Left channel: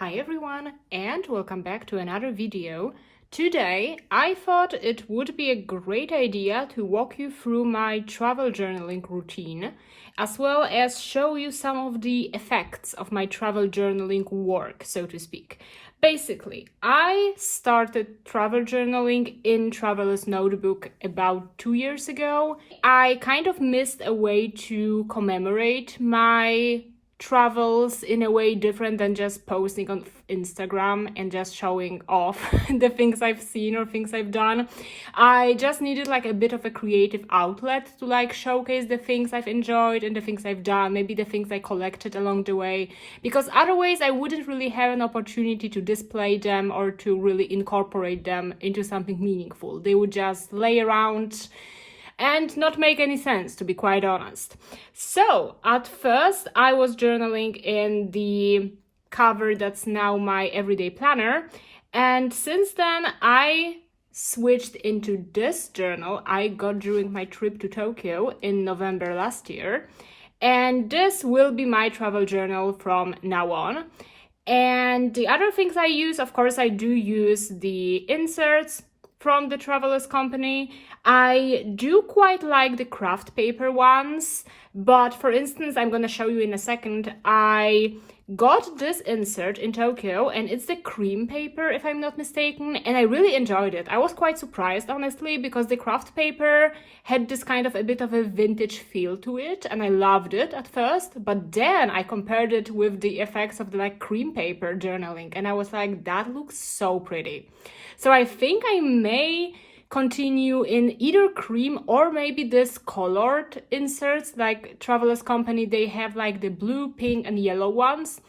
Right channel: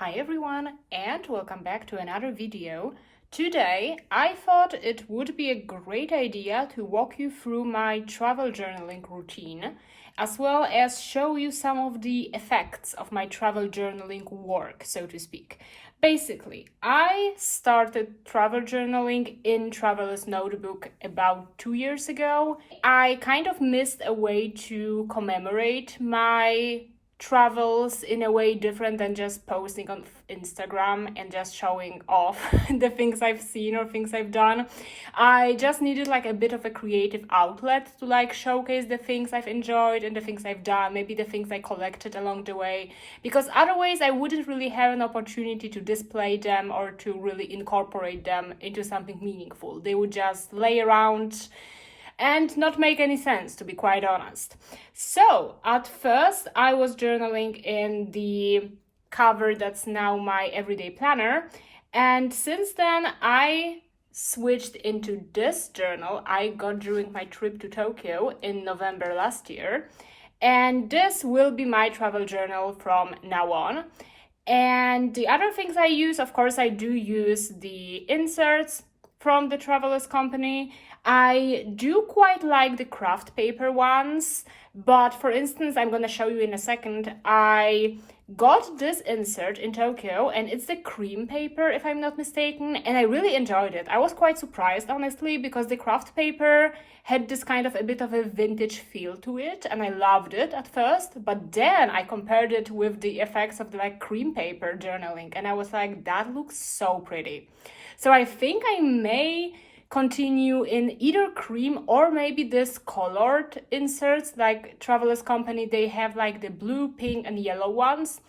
Hi everyone, and welcome back to another video. Today I thought it would be a great idea to walk you through my travel journaling routine, as well as show you some of the effects of my travel journaling work, so to speak. Basically, I started travel journaling in Traveler's Notebook about 2 years ago. I kind of missed a way to commemorate my travels in a way different than just posting on Instagram and just showing off the things I've seen or things I've done. I just needed like a bit of a creative outlet to like showcase the things I've enjoyed and the things I've done, maybe the things I collected along the way, because otherwise I wouldn't really have an opportunity to display them or to really incorporate them into something meaningful. They would just lay around and not make any sense, to be quite honest. So at first I was journaling in the cover that's now my everyday planner, and since then I switched into this journal I got during my trip to Tokyo in November last year, and this will be my travel journal from now on. And the other things I use, of course, I do use the inserts from the Travelers Company. I do quite like the craft paper ones, but for instance, I'm going to show you in a second, I got this insert in Tokyo and it's the cream paper, if I'm not mistaken, and I really enjoyed it. I was quite surprised, honestly, because the craft paper had this kind of a bit of a vintage feel to it, and I loved it at first, but then I compared it with the effects of the like cream paper journaling, and I was like, that looks so pretty. So I think I may continue in either cream or maybe this colored inserts, like Travelers Company, they have like the blue, pink and yellow ones.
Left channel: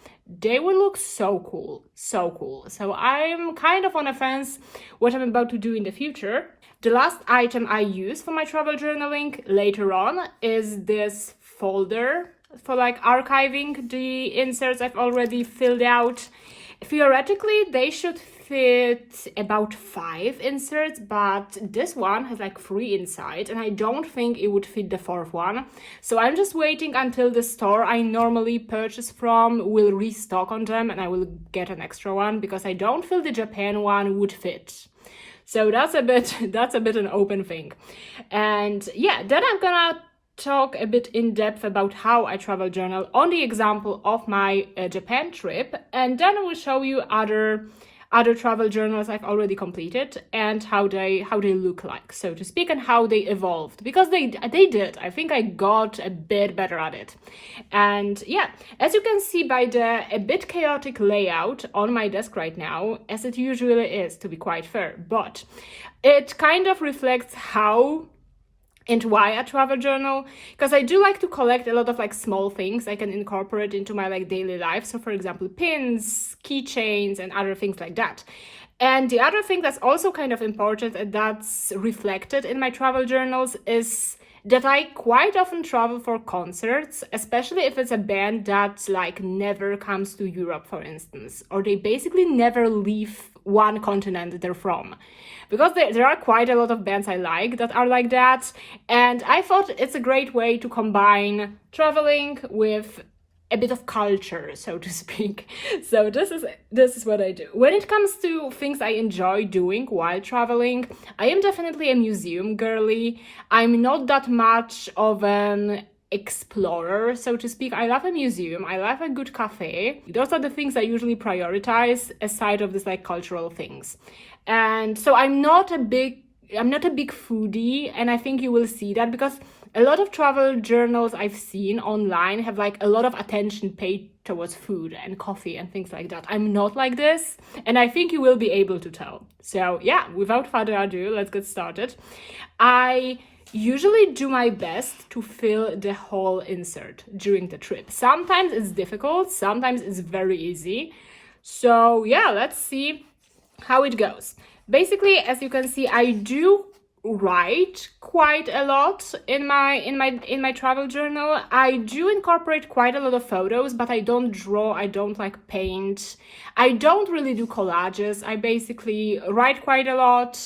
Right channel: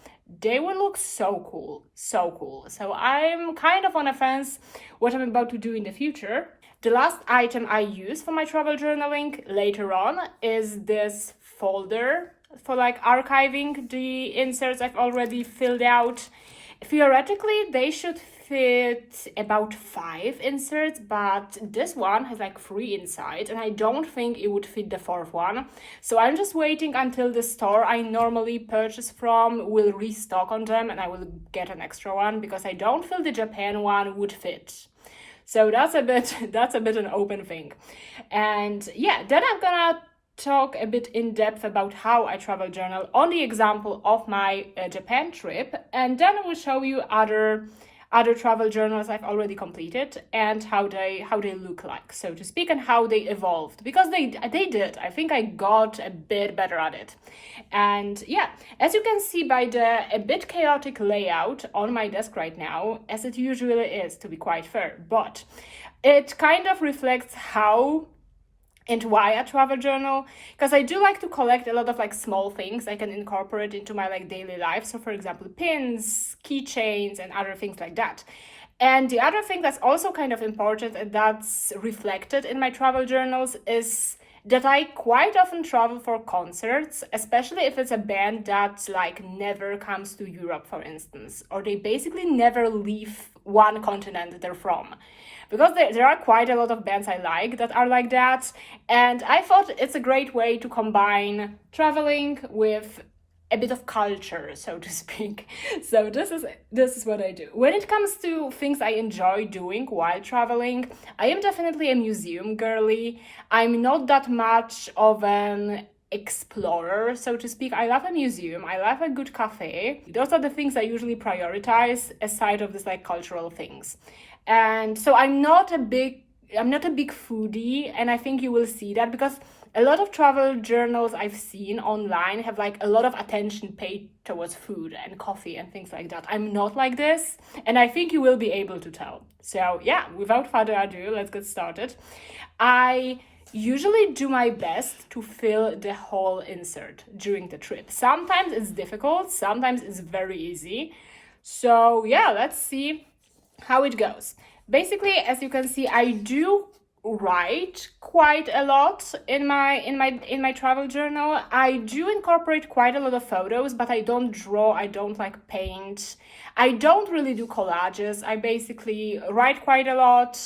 They will look so cool, so cool. So I'm kind of on a fence what I'm about to do in the future. The last item I use for my travel journaling later on is this folder for like archiving the inserts I've already filled out. Theoretically, they should fit about 5 inserts, but this one has like 3 inside and I don't think it would fit the 4th one. So I'm just waiting until the store I normally purchase from will restock on them and I will get an extra one, because I don't feel the Japan one would fit. So that's a bit an open thing. And yeah, then I'm gonna talk a bit in depth about how I travel journal on the example of my Japan trip, and then I will show you other travel journals I've already completed and how they look like, so to speak, and how they evolved, because they did. I think I got a bit better at it. And yeah, as you can see by the a bit chaotic layout on my desk right now, as it usually is, to be quite fair, but it kind of reflects how and why I travel journal, because I do like to collect a lot of like small things I can incorporate into my like daily life. So for example, pins, keychains and other things like that. And the other thing that's also kind of important and that's reflected in my travel journals is that I quite often travel for concerts, especially if it's a band that like never comes to Europe, for instance, or they basically never leave one continent they're from. Because there are quite a lot of bands I like that are like that, and I thought it's a great way to combine traveling with a bit of culture, so to speak. So this is what I do. When it comes to things I enjoy doing while traveling, I am definitely a museum girly. I'm not that much of an explorer, so to speak. I love a museum, I love a good cafe. Those are the things I usually prioritize aside of this like cultural things. And so I'm not a big foodie, and I think you will see that because a lot of travel journals I've seen online have like a lot of attention paid towards food and coffee and things like that. I'm not like this, and I think you will be able to tell. So yeah, without further ado, let's get started. I usually do my best to fill the whole insert during the trip. Sometimes it's difficult, sometimes it's very easy. So yeah, let's see how it goes. Basically, as you can see, I do write quite a lot in my travel journal. I do incorporate quite a lot of photos, but I don't draw, I don't like paint. I don't really do collages. I basically write quite a lot,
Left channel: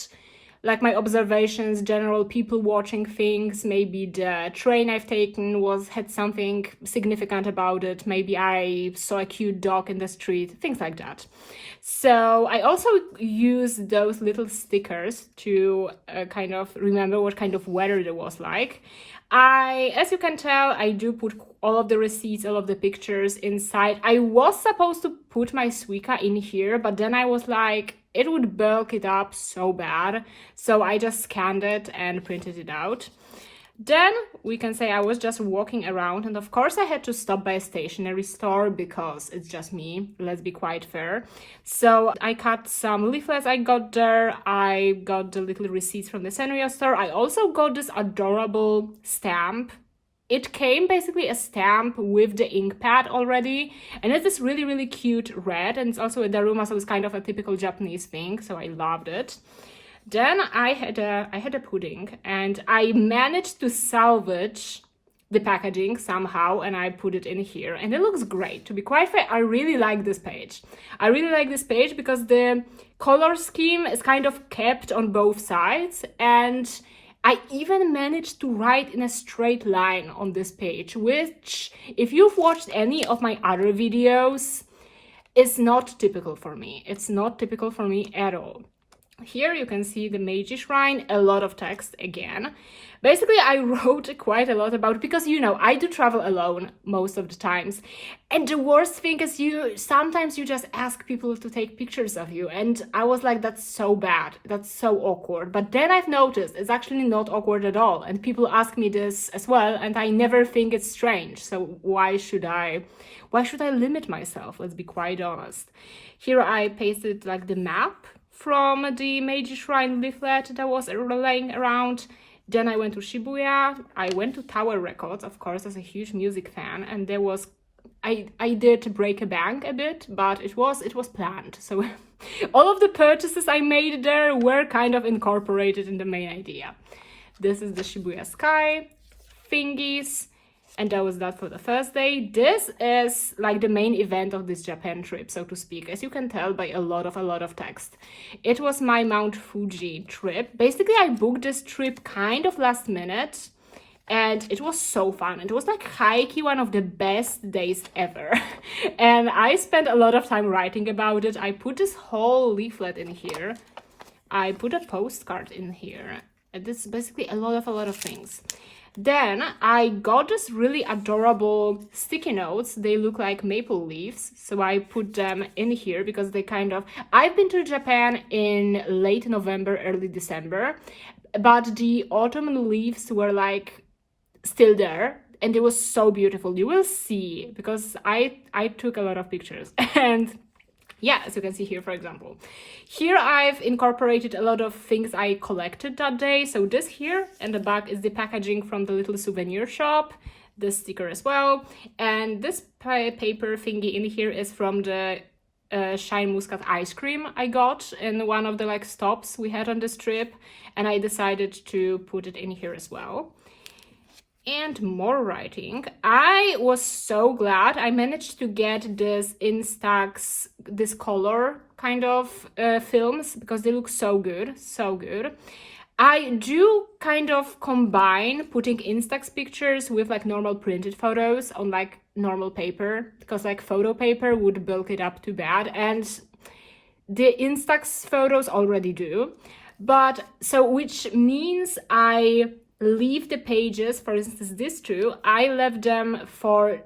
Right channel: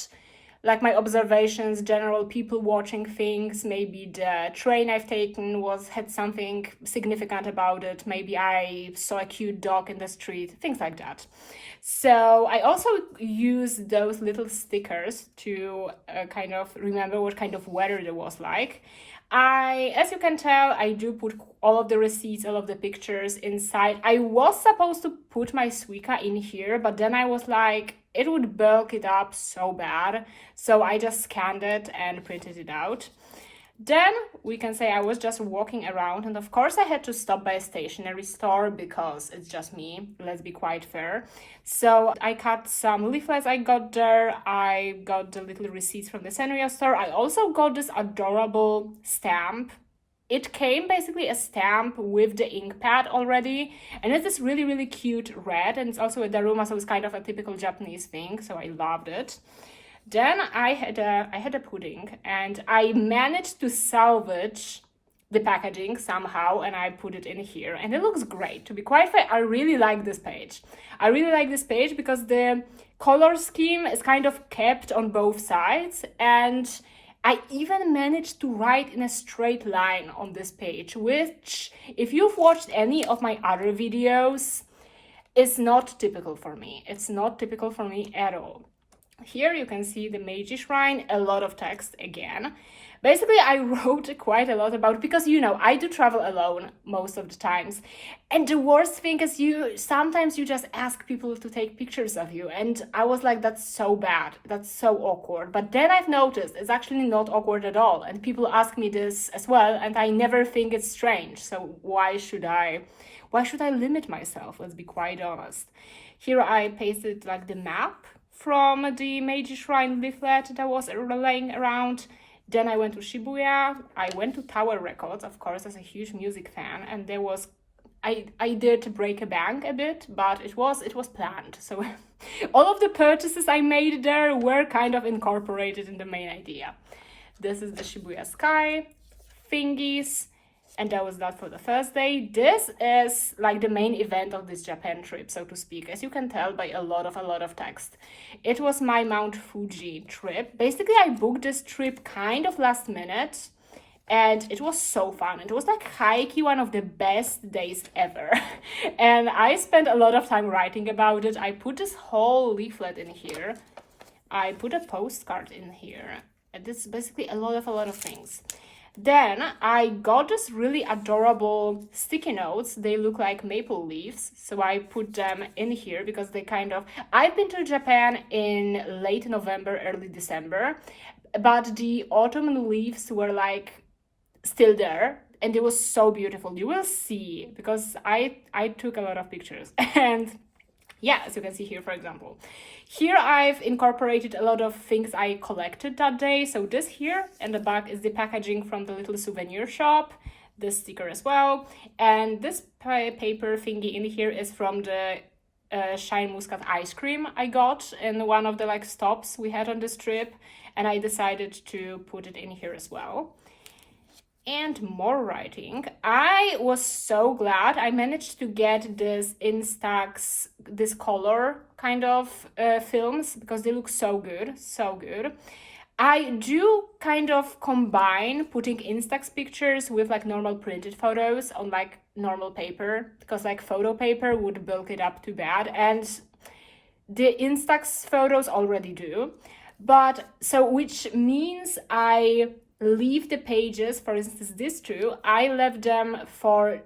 like my observations, general people watching things. Maybe the train I've taken had something significant about it. Maybe I saw a cute dog in the street, things like that. So I also use those little stickers to kind of remember what kind of weather it was like. As you can tell, I do put all of the receipts, all of the pictures inside. I was supposed to put my Suica in here, but then I was like, it would bulk it up so bad. So I just scanned it and printed it out. Then we can say I was just walking around, and of course I had to stop by a stationery store because it's just me, let's be quite fair. So I cut some leaflets I got there, I got the little receipts from the Sanrio store. I also got this adorable stamp. It came basically a stamp with the ink pad already, and it's this really, really cute red, and it's also a daruma, so it's kind of a typical Japanese thing, so I loved it. Then I had a pudding, and I managed to salvage the packaging somehow, and I put it in here, and it looks great. To be quite fair, I really like this page. I really like this page because the color scheme is kind of kept on both sides, and I even managed to write in a straight line on this page, which, if you've watched any of my other videos, is not typical for me. It's not typical for me at all. Here you can see the Meiji Shrine, a lot of text again. Basically, I wrote quite a lot about, because I do travel alone most of the times. And the worst thing is sometimes you just ask people to take pictures of you. And I was like, that's so bad. That's so awkward. But then I've noticed it's actually not awkward at all. And people ask me this as well. And I never think it's strange. So why should I limit myself? Let's be quite honest. Here I pasted like the map from the Meiji Shrine leaflet that was laying around. Then I went to Shibuya. I went to Tower Records, of course, as a huge music fan, and there was I did break a bank a bit, but it was planned. So all of the purchases I made there were kind of incorporated in the main idea. This is the Shibuya sky thingies. And that was that for the first day. This is like the main event of this Japan trip, so to speak, as you can tell by a lot of text. It was my Mount Fuji trip. Basically, I booked this trip kind of last minute, and it was so fun. It was like high-key one of the best days ever. And I spent a lot of time writing about it. I put this whole leaflet in here. I put a postcard in here. And this is basically a lot of things. Then I got this really adorable sticky notes. They look like maple leaves, so I put them in here because I've been to Japan in late November, early December, but the autumn leaves were like still there, and it was so beautiful. You will see, because I took a lot of pictures. And yeah, as you can see here, for example. Here I've incorporated a lot of things I collected that day. So this here in the back is the packaging from the little souvenir shop, this sticker as well. And this paper thingy in here is from the Shine Muscat ice cream I got in one of the stops we had on this trip. And I decided to put it in here as well. And more writing. I was so glad I managed to get this Instax, this color kind of films, because they look so good, so good. I do kind of combine putting Instax pictures with normal printed photos on normal paper, because photo paper would bulk it up too bad, and the Instax photos already do. But so, which means I leave the pages, for instance these two, I left them for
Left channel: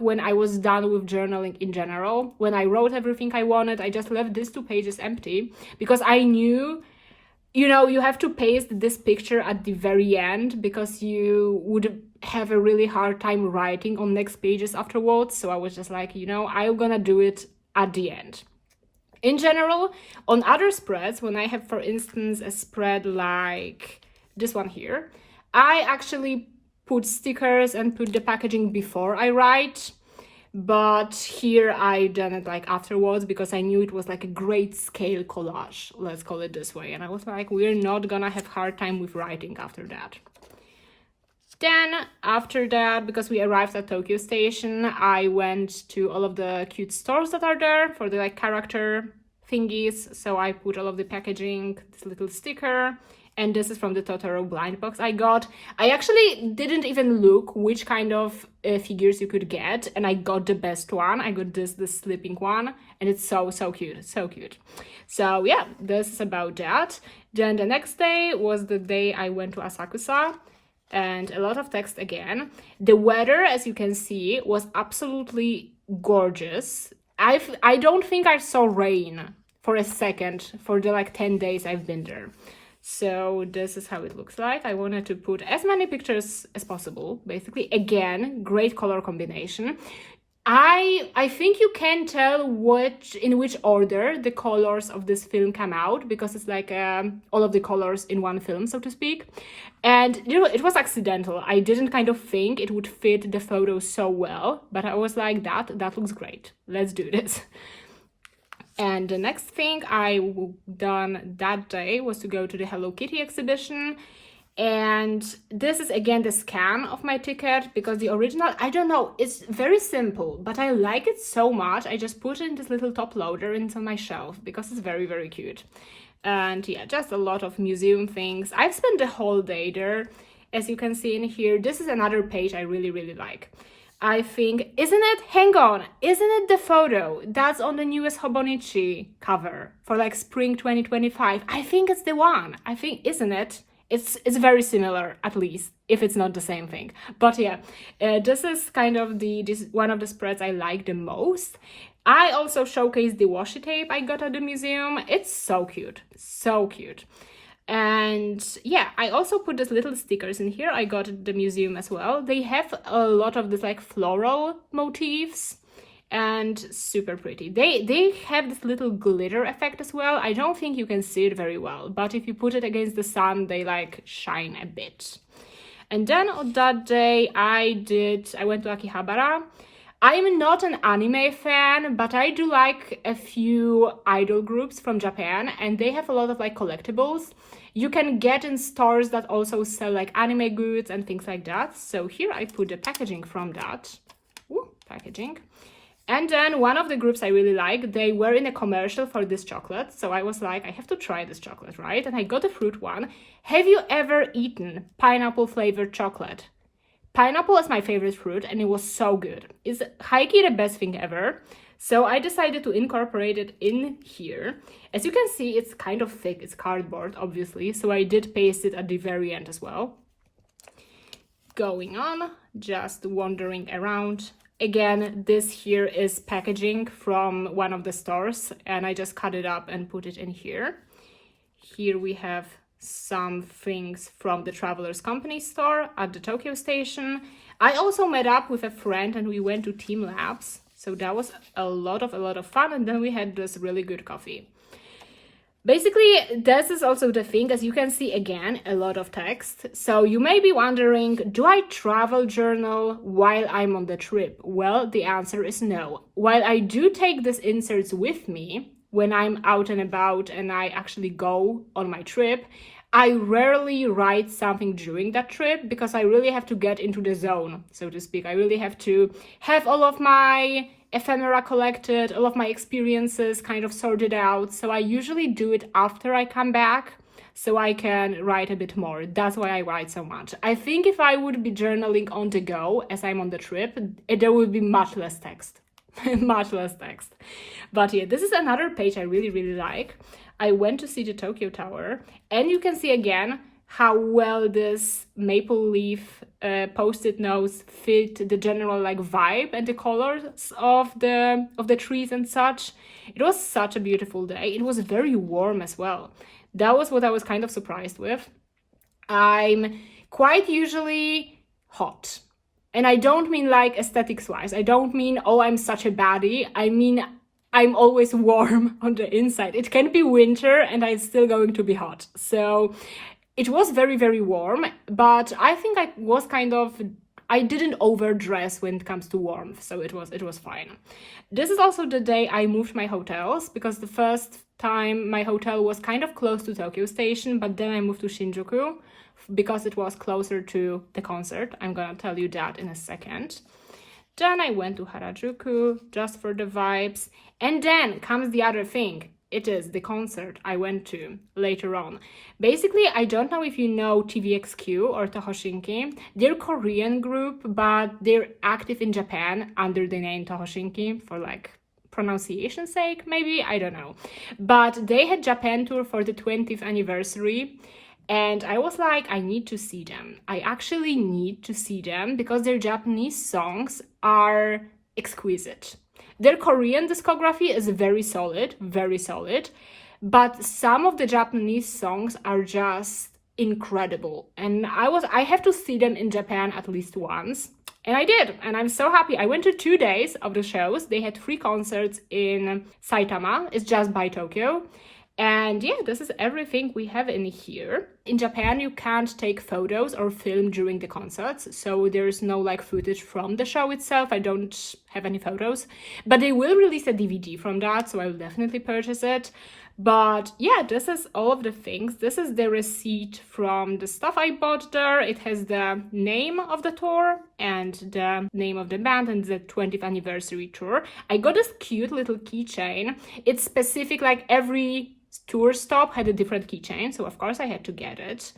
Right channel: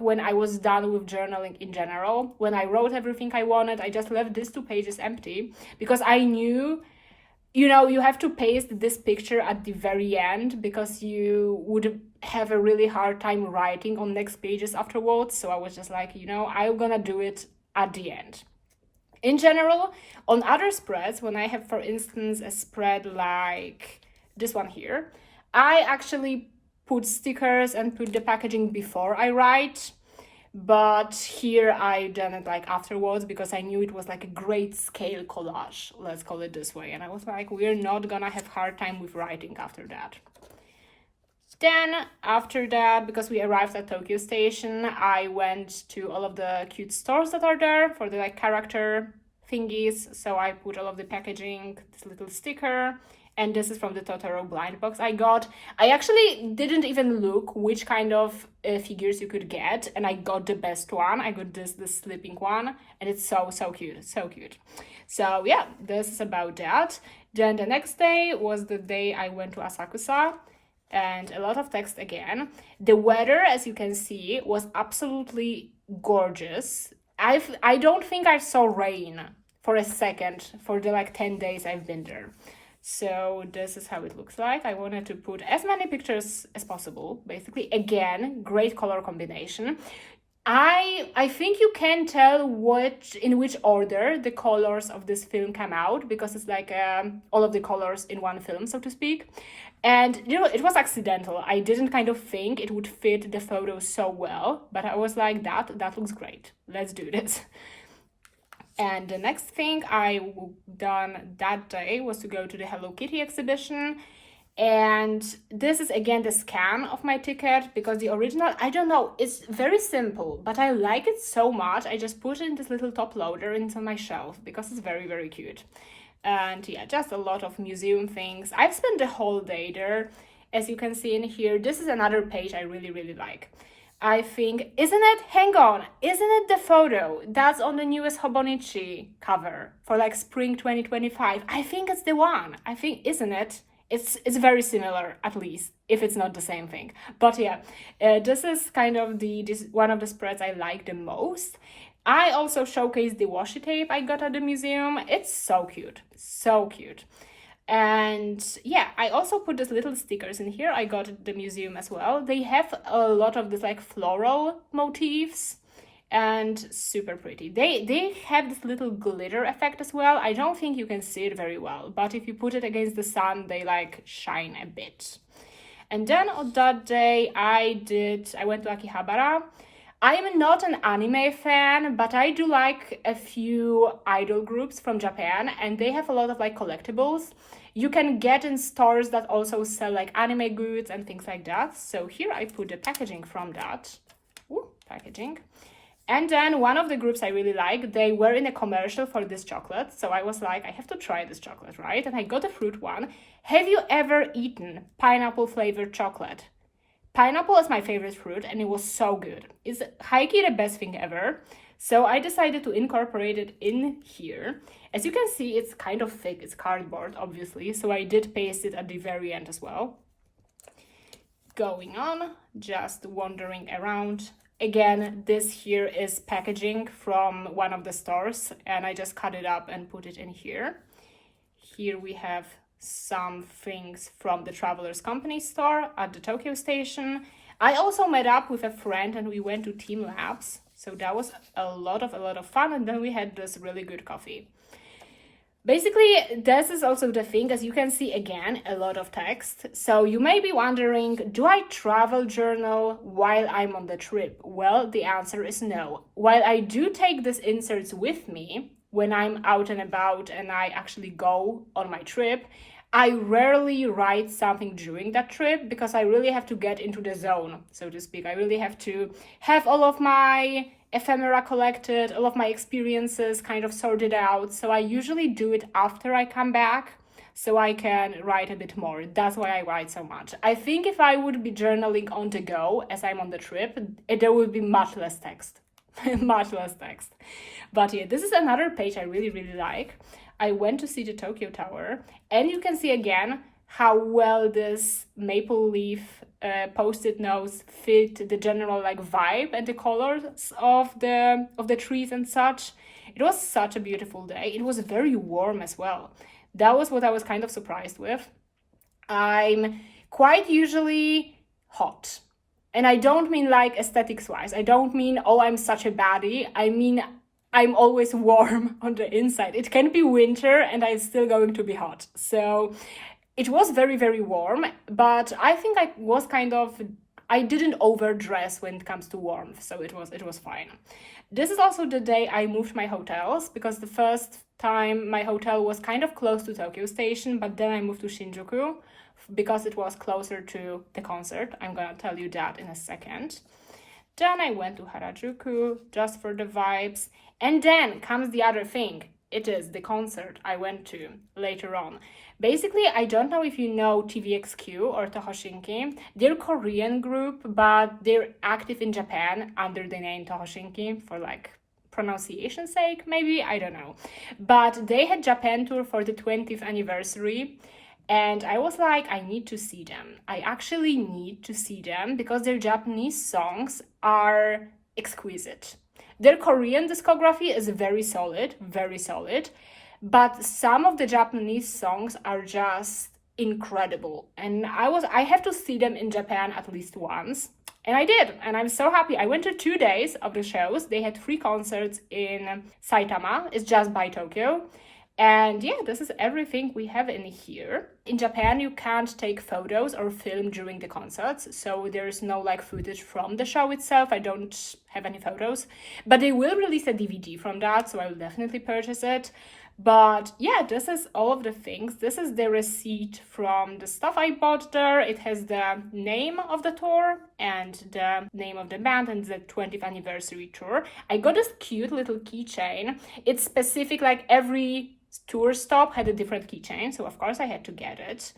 when I was done with journaling in general. When I wrote everything I wanted, I just left these 2 pages empty, because I knew, you have to paste this picture at the very end, because you would have a really hard time writing on next pages afterwards. So I was just like, I'm gonna do it at the end. In general, on other spreads, when I have, for instance, a spread like this one here, I actually put stickers and put the packaging before I write, but here I done it afterwards, because I knew it was a great scale collage, let's call it this way. And I was like, we're not gonna have hard time with writing after that. Then after that, because we arrived at Tokyo Station, I went to all of the cute stores that are there for the character thingies. So I put all of the packaging, this little sticker, And this is from the Totoro blind box I got. I actually didn't even look which kind of figures you could get, and I got the best one. I got this sleeping one, and it's so cute, so cute. So yeah, this is about that. Then the next day was the day I went to Asakusa, and a lot of text again. The weather, as you can see, was absolutely gorgeous. I don't think I saw rain for a second for the like 10 days I've been there. So this is how it looks like. I wanted to put as many pictures as possible, basically. Again, great color combination. I think you can tell in which order the colors of this film come out, because it's like all of the colors in one film, so to speak. And you know, it was accidental. I didn't kind of think it would fit the photo so well, but I was like, that looks great. Let's do this. And the next thing I done that day was to go to the Hello Kitty exhibition. And this is again the scan of my ticket, because the original, I don't know, it's very simple, but I like it so much. I just put in this little top loader into my shelf because it's very cute. And yeah, just a lot of museum things. I've spent the whole day there. As you can see in here, this is another page I really like. I think, hang on, isn't it the photo that's on the newest Hobonichi cover for like spring 2025? I think it's the one. I think, isn't it? It's very similar, at least, if it's not the same thing. But yeah, this is kind of this one of the spreads I like the most. I also showcased the washi tape I got at the museum. It's so cute, so cute. And yeah, I also put these little stickers in here I got at the museum as well. They have a lot of this like floral motifs and super pretty. They have this little glitter effect as well. I don't think you can see it very well, but if you put it against the sun, they like shine a bit. And then on that day I went to Akihabara. I'm not an anime fan, but I do like a few idol groups from Japan, and they have a lot of like collectibles you can get in stores that also sell like anime goods and things like that. So here I put the packaging from that. Ooh, packaging. And then one of the groups I really like, they were in a commercial for this chocolate. So I was like, I have to try this chocolate, right? And I got the fruit one. Have you ever eaten pineapple flavored chocolate? Pineapple is my favorite fruit, and it was so good. It's high-key the best thing ever. So I decided to incorporate it in here. As you can see, it's kind of thick. It's cardboard, obviously. So I did paste it at the very end as well. Going on, just wandering around. Again, this here is packaging from one of the stores, and I just cut it up and put it in here. Here we have some things from the Travelers Company store at the Tokyo station. I also met up with a friend and we went to Team Labs. So that was a lot of fun, and then we had this really good coffee. Basically, this is also the thing, as you can see again, a lot of text. So you may be wondering, do I travel journal while I'm on the trip? Well, the answer is no. While I do take these inserts with me when I'm out and about and I actually go on my trip, I rarely write something during that trip because I really have to get into the zone, so to speak. I really have to have all of my ephemera collected, all of my experiences kind of sorted out. So I usually do it after I come back so I can write a bit more. That's why I write so much. I think if I would be journaling on the go as I'm on the trip, there would be much less text. Much less text. But yeah, this is another page I really like. I went to see the Tokyo Tower, and you can see again how well this maple leaf post-it notes fit the general like vibe and the colors of the trees and such. It was such a beautiful day. It was very warm as well. That was what I was kind of surprised with. I'm quite usually hot. And I don't mean like aesthetics wise. I don't mean, oh, I'm such a baddie. I mean, I'm always warm on the inside. It can be winter and I'm still going to be hot. So it was very warm, but I think I didn't overdress when it comes to warmth. So it was fine. This is also the day I moved my hotels, because the first time my hotel was kind of close to Tokyo Station, but then I moved to Shinjuku because it was closer to the concert. I'm gonna tell you that in a second. Then I went to Harajuku just for the vibes. And then comes the other thing. It is the concert I went to later on. Basically, I don't know if you know TVXQ or Tohoshinki. They're a Korean group, but they're active in Japan under the name Tohoshinki for like pronunciation sake, maybe, I don't know. But they had Japan tour for the 20th anniversary, and I was like, I need to see them. I actually need to see them because their Japanese songs are exquisite. Their Korean discography is very solid, but some of the Japanese songs are just incredible. And I have to see them in Japan at least once. And I did, and I'm so happy. I went to 2 days of the shows. They had 3 concerts in Saitama, it's just by Tokyo. And yeah, this is everything we have in here. In Japan, you can't take photos or film during the concerts, so there's no like footage from the show itself. I don't have any photos, but they will release a DVD from that, so I will definitely purchase it. But yeah, this is all of the things. This is the receipt from the stuff I bought there. It has the name of the tour and the name of the band and the 20th anniversary tour. I got this cute little keychain. It's specific, like every tour stop had a different keychain, so of course I had to get it.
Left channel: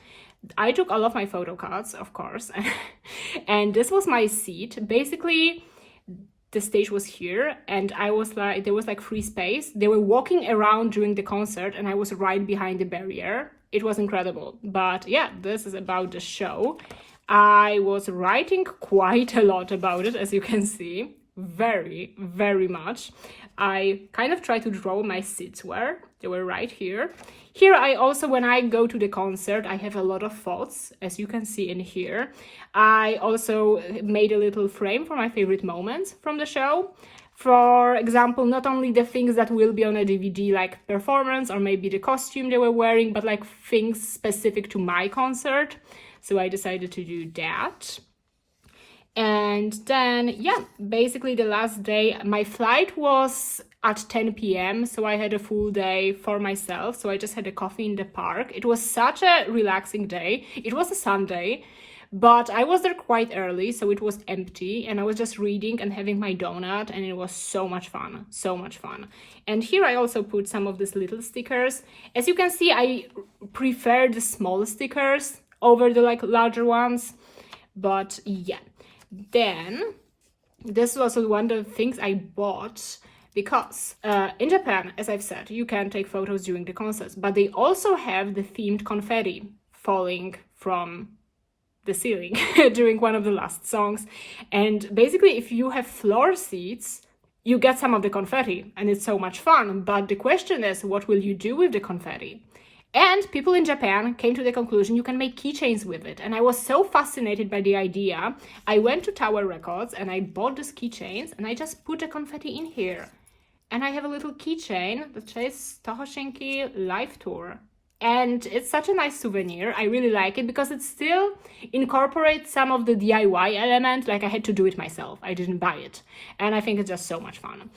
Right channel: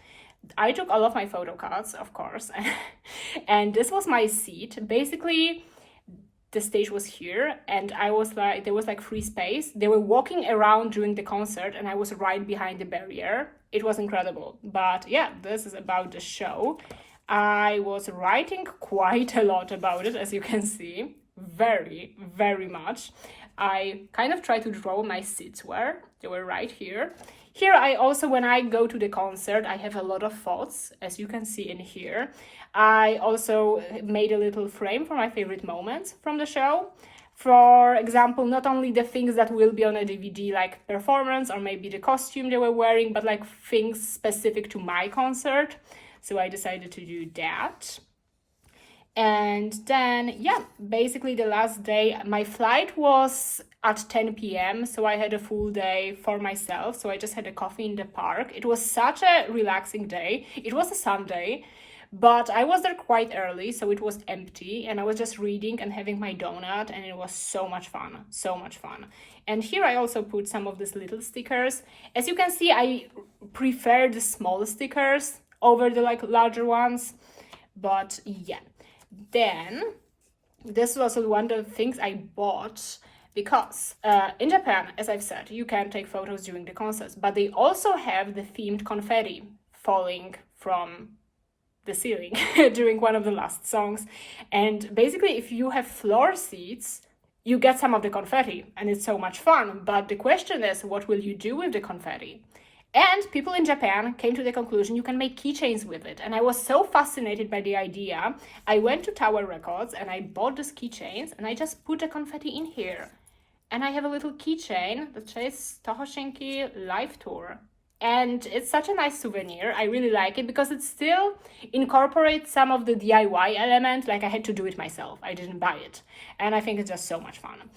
I took all of my photo cards, of course, and this was my seat. Basically, the stage was here, and I was like, there was like free space. They were walking around during the concert, and I was right behind the barrier. It was incredible. But yeah, this is about the show. I was writing quite a lot about it, as you can see, very much. I kind of tried to draw my seats where they were right here. Here I also, when I go to the concert, I have a lot of thoughts, as you can see in here. I also made a little frame for my favorite moments from the show. For example, not only the things that will be on a DVD, like performance or maybe the costume they were wearing, but like things specific to my concert. So I decided to do that. And then, yeah, basically the last day, my flight was at 10 p.m. So I had a full day for myself. So I just had a coffee in the park. It was such a relaxing day. It was a Sunday, but I was there quite early, so it was empty. And I was just reading and having my donut, and it was so much fun, so much fun. And here I also put some of these little stickers. As you can see, I prefer the small stickers over the like larger ones. But yeah. Then, this was also one of the things I bought because in Japan, as I've said, you can take photos during the concerts, but they also have the themed confetti falling from the ceiling during one of the last songs. And basically, if you have floor seats, you get some of the confetti, and it's so much fun. But the question is, what will you do with the confetti? And people in Japan came to the conclusion you can make keychains with it. And I was so fascinated by the idea. I went to Tower Records and I bought these keychains, and I just put the confetti in here. And I have a little keychain that says Tohoshinki Live Tour. And it's such a nice souvenir. I really like it because it still incorporates some of the DIY element. Like, I had to do it myself. I didn't buy it. And I think it's just so much fun.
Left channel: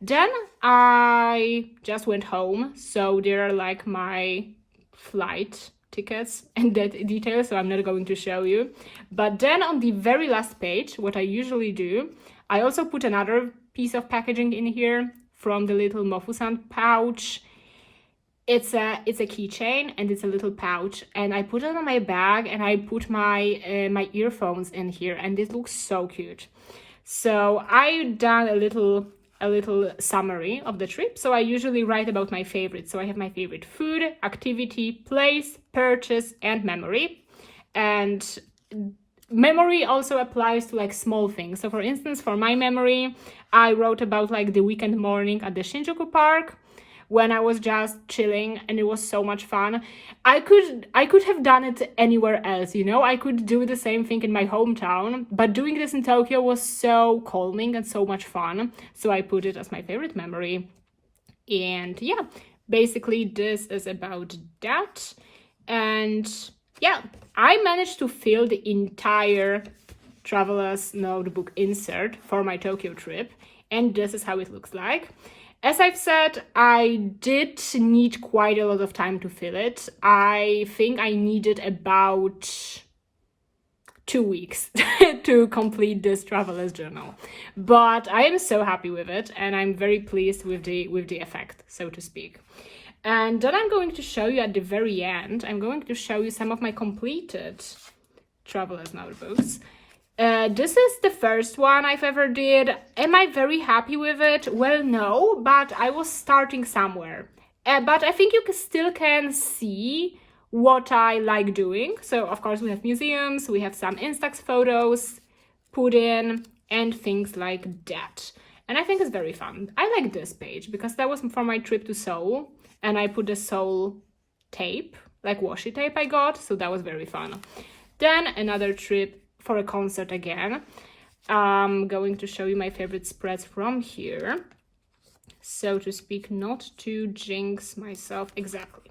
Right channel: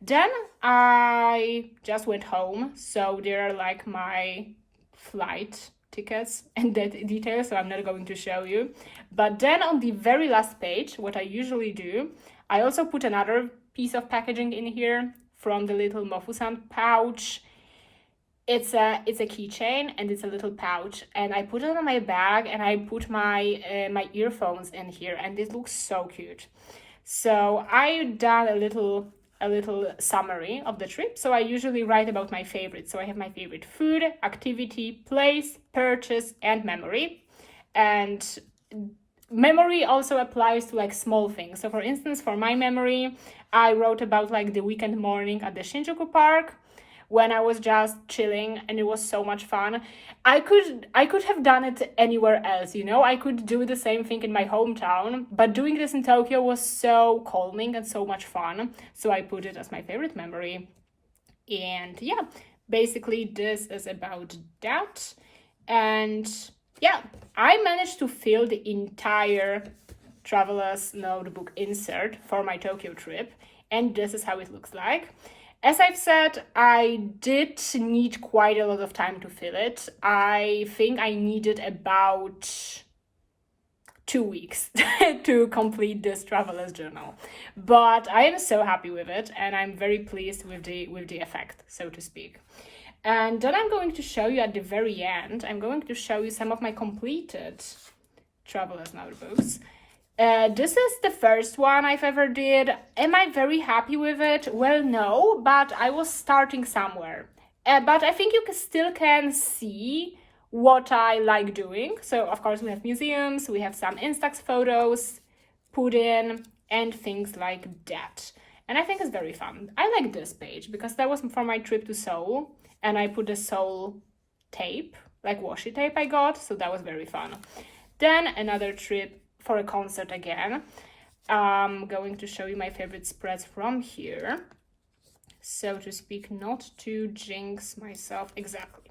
Then I just went home. So there are like my flight tickets and that details, so I'm not going to show you. But then on the very last page, what I usually do, I also put another piece of packaging in here from the little Mofusan pouch. It's a keychain, and it's a little pouch, and I put it on my bag, and I put my my earphones in here, and it looks so cute. So I've done a little summary of the trip. So I usually write about my favorites. So I have my favorite food, activity, place, purchase, and memory. And memory also applies to like small things. So for instance, for my memory, I wrote about like the weekend morning at the Shinjuku Park when I was just chilling, and it was so much fun. I could have done it anywhere else, you know? I could do the same thing in my hometown, but doing this in Tokyo was so calming and so much fun, so I put it as my favorite memory. And yeah, basically this is about that. And yeah, I managed to fill the entire traveler's notebook insert for my Tokyo trip, and this is how it looks like. As I've said, I did need quite a lot of time to fill it. I think I needed about 2 weeks to complete this traveler's journal, but I am so happy with it, and I'm very pleased with the effect, so to speak. And then I'm going to show you at the very end, I'm going to show you some of my completed traveler's notebooks. This is the first one I've ever did. Am I very happy with it? Well, no, but I was starting somewhere. But I think you still can see what I like doing. So, of course, we have museums, we have some Instax photos put in, and things like that. And I think it's very fun. I like this page because that was for my trip to Seoul, and I put the Seoul tape, like washi tape I got, so that was very fun. Then another trip for a concert again. I'm going to show you my favorite spreads from here, so to speak, not to jinx myself exactly.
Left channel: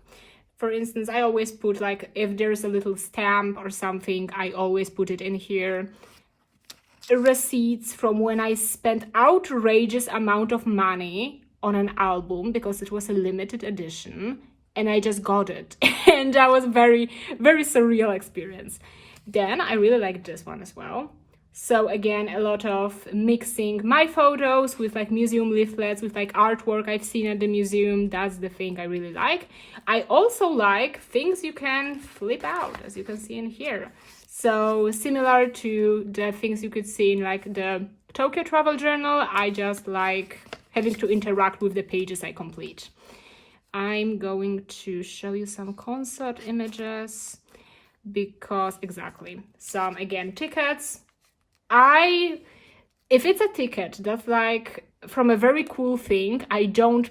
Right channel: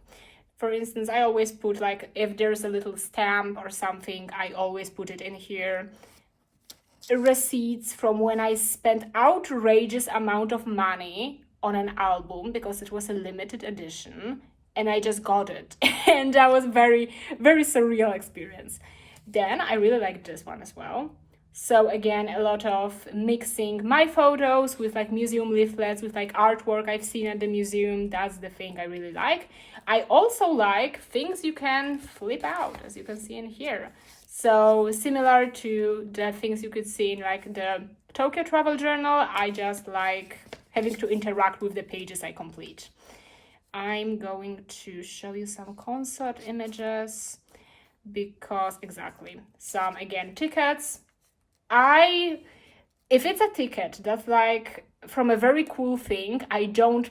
For instance, I always put, like, if there's a little stamp or something, I always put it in here. Receipts from when I spent outrageous amount of money on an album because it was a limited edition and I just got it. And that was very, very surreal experience. Then I really like this one as well. So again, a lot of mixing my photos with like museum leaflets, with like artwork I've seen at the museum. That's the thing I really like. I also like things you can flip out, as you can see in here. So similar to the things you could see in like the Tokyo travel journal, I just like having to interact with the pages I complete. I'm going to show you some concert images because exactly some, again, tickets. If it's a ticket that's like from a very cool thing, I don't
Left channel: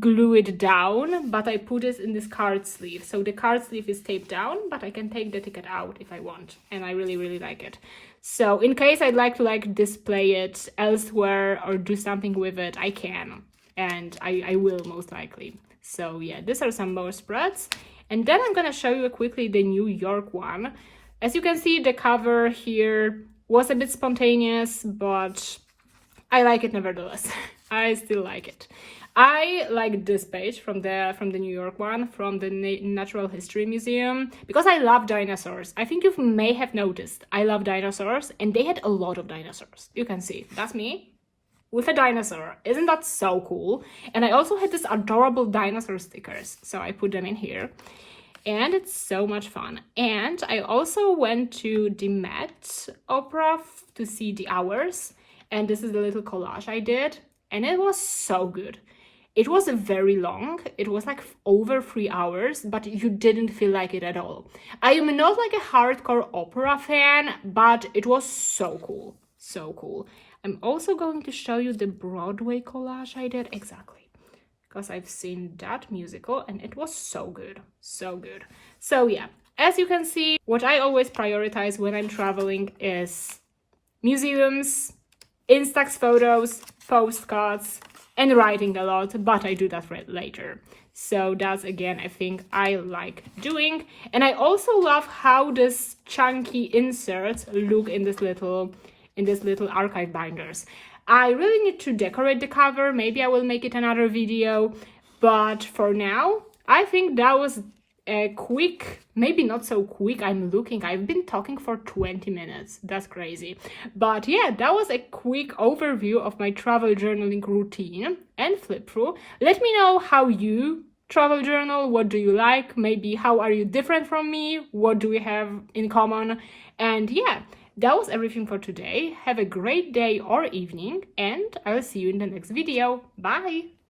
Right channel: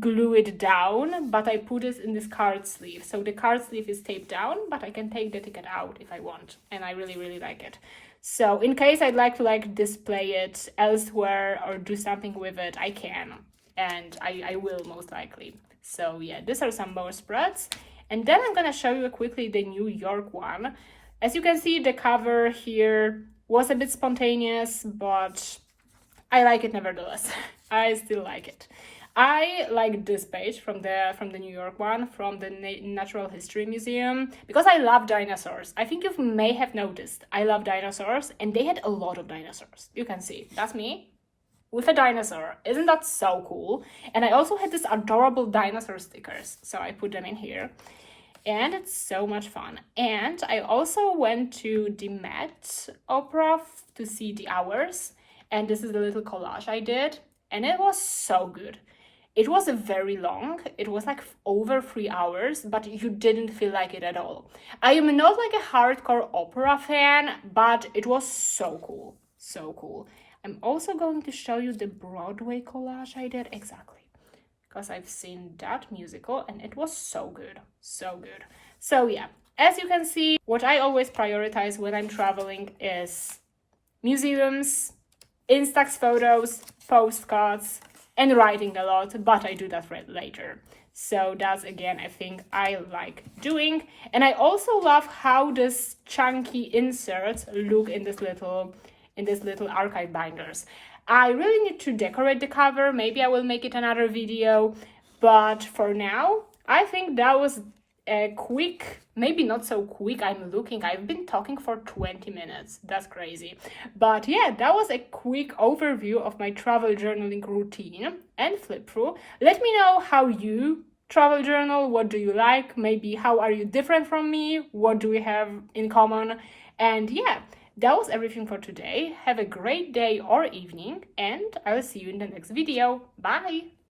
glue it down, but I put it in this card sleeve. So the card sleeve is taped down, but I can take the ticket out if I want, and I really, really like it. So in case I'd like to like display it elsewhere or do something with it, I can, and I will most likely. So yeah, these are some more spreads. And then I'm gonna show you quickly the New York one. As you can see, the cover here was a bit spontaneous, but I like it nevertheless. I still like it. I like this page from the New York one, from the Natural History Museum, because I love dinosaurs. I think you may have noticed I love dinosaurs, and they had a lot of dinosaurs. You can see, that's me with a dinosaur. Isn't that so cool? And I also had these adorable dinosaur stickers, so I put them in here. And it's so much fun. And I also went to the Met Opera to see the hours, and this is the little collage I did, and it was so good. It was very long. It was like over 3 hours, but you didn't feel like it at all. I am not like a hardcore opera fan, but it was so cool. So cool. I'm also going to show you the Broadway collage I did. Exactly. Because I've seen that musical and it was so good. So good. So yeah, as you can see, what I always prioritize when I'm traveling is museums, Instax photos, postcards, and writing a lot, but I do that later. So that's, again, a thing I like doing. And I also love how this chunky inserts look in this little archive binders. I really need to decorate the cover. Maybe I will make it another video, but for now, I think that was a quick, maybe not so quick, I've been talking for 20 minutes, that's crazy. But yeah, that was a quick overview of my travel journaling routine and flip through. Let me know how you travel journal, what do you like, maybe how are you different from me, what do we have in common, and yeah, that was everything for today. Have a great day or evening, and I will see you in the next video. Bye!